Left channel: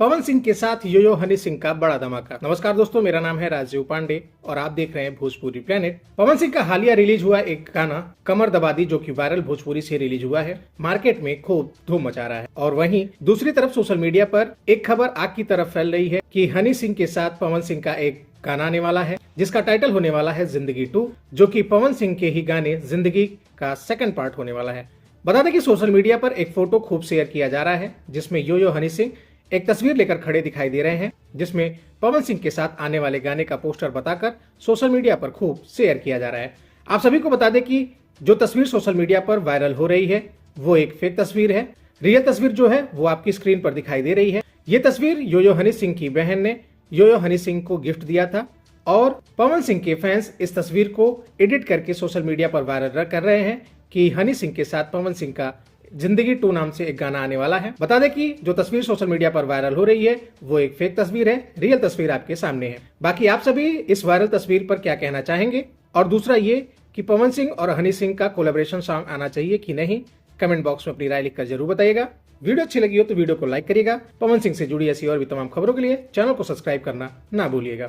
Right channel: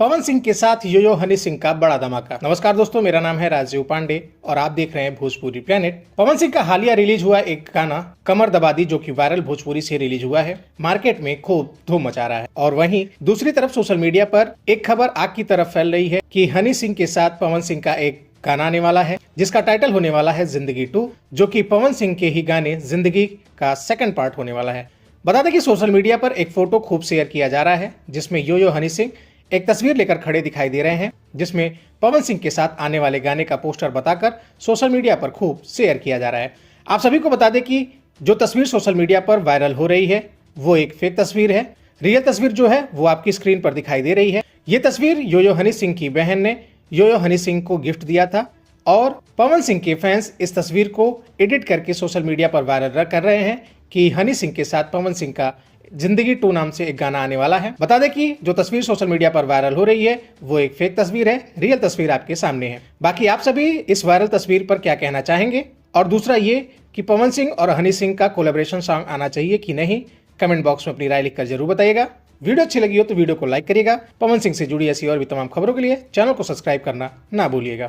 पवन सिंह के साथ यो हनी सिंह का बड़ा धमाका। नमस्कार दोस्तों, मेरा नाम है राजीव पांडे और आप देख रहे हैं भोजपुरी प्लेनेट। पवन सिंह का हालिया रिलीज हुआ एक गाना कमर दबा दी, जो कि वायरल भोजपुरी से रिलीज हुआ है, मार्केट में खूब धूम मचा रहा है। और वहीं दूसरी तरफ सोशल मीडिया पर एक खबर आग की तरफ फैल रही है कि हनी सिंह के साथ पवन सिंह का एक गाना आने वाला है, जिसका टाइटल होने वाला है जिंदगी 2, जो कि पवन सिंह के ही गाने जिंदगी का सेकंड पार्ट होने वाला है। बता दें कि सोशल मीडिया पर एक फोटो खूब शेयर किया जा रहा है, जिसमें यो हनी सिंह एक तस्वीर लेकर खड़े दिखाई दे रहे हैं, जिसमें पवन सिंह के साथ आने वाले गाने का पोस्टर बताकर सोशल मीडिया पर खूब शेयर किया जा रहा है। आप सभी को बता दें कि जो तस्वीर सोशल मीडिया पर वायरल हो रही है वो एक फेक तस्वीर है। रियल तस्वीर जो है वो आपकी स्क्रीन पर दिखाई दे रही है। ये तस्वीर यो हनी सिंह की बहन ने यो हनी सिंह को गिफ्ट दिया था और पवन सिंह के फैंस इस तस्वीर को एडिट करके सोशल मीडिया पर वायरल कर रहे हैं कि हनी सिंह के साथ पवन सिंह का जिंदगी 2 नाम से एक गाना आने वाला है। बता दें कि जो तस्वीर सोशल मीडिया पर वायरल हो रही है वो एक फेक तस्वीर है, रियल तस्वीर आपके सामने है। बाकी आप सभी इस वायरल तस्वीर पर क्या कहना चाहेंगे, और दूसरा ये कि पवन सिंह और हनी सिंह का कोलैबोरेशन सॉन्ग आना चाहिए कि नहीं, कमेंट बॉक्स में अपनी राय लिखकर जरूर बताइएगा। वीडियो अच्छी लगी हो तो वीडियो को लाइक करिएगा। पवन सिंह से जुड़ी ऐसी और भी तमाम खबरों के लिए चैनल को सब्सक्राइब करना ना भूलिएगा।